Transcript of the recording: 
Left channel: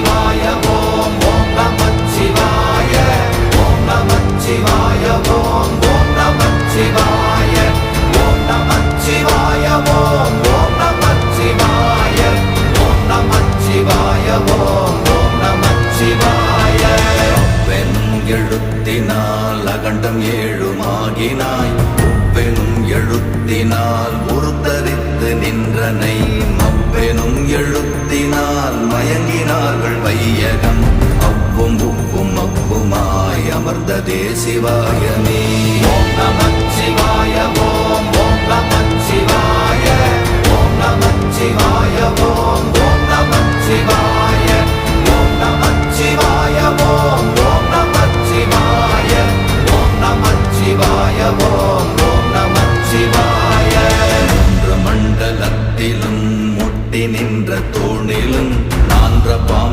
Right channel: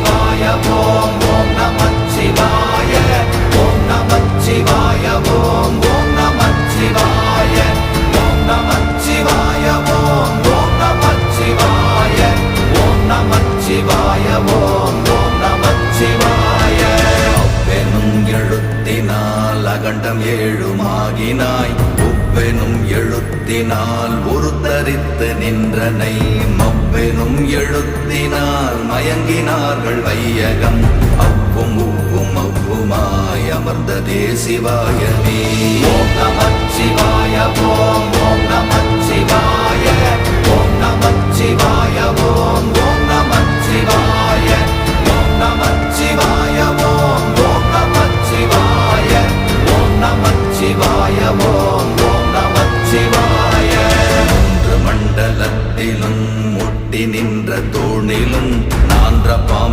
நமச்சிவாய ஓம் ஓம் நமச்சிவாய ஓம் நமச்சிவாய ஓம் ஓம் நமச்சிவாய ஓம் நமச்சிவாய ஓம் ஓம் நமச்சிவாய ஓம் நமச்சிவாய ஓம் ஓம் நமச்சிவாய அவ்வெனும் எழுத்தினால் அகண்டம் ஏழுமாகினாய் உவ்வெனும் எழுத்தினால் உருத்தரித்து நின்றனை மவ்வெனும் எழுத்தினால் மயங்கினார்கள் வையகம் அவ்வும் உவ்வும் அவ்வுமாய் அமர்ந்ததே சிவாயமே ஓம் நமச்சிவாய ஓம் ஓம் நமச்சிவாய ஓம் நமச்சிவாய ஓம் ஓம் நமச்சிவாய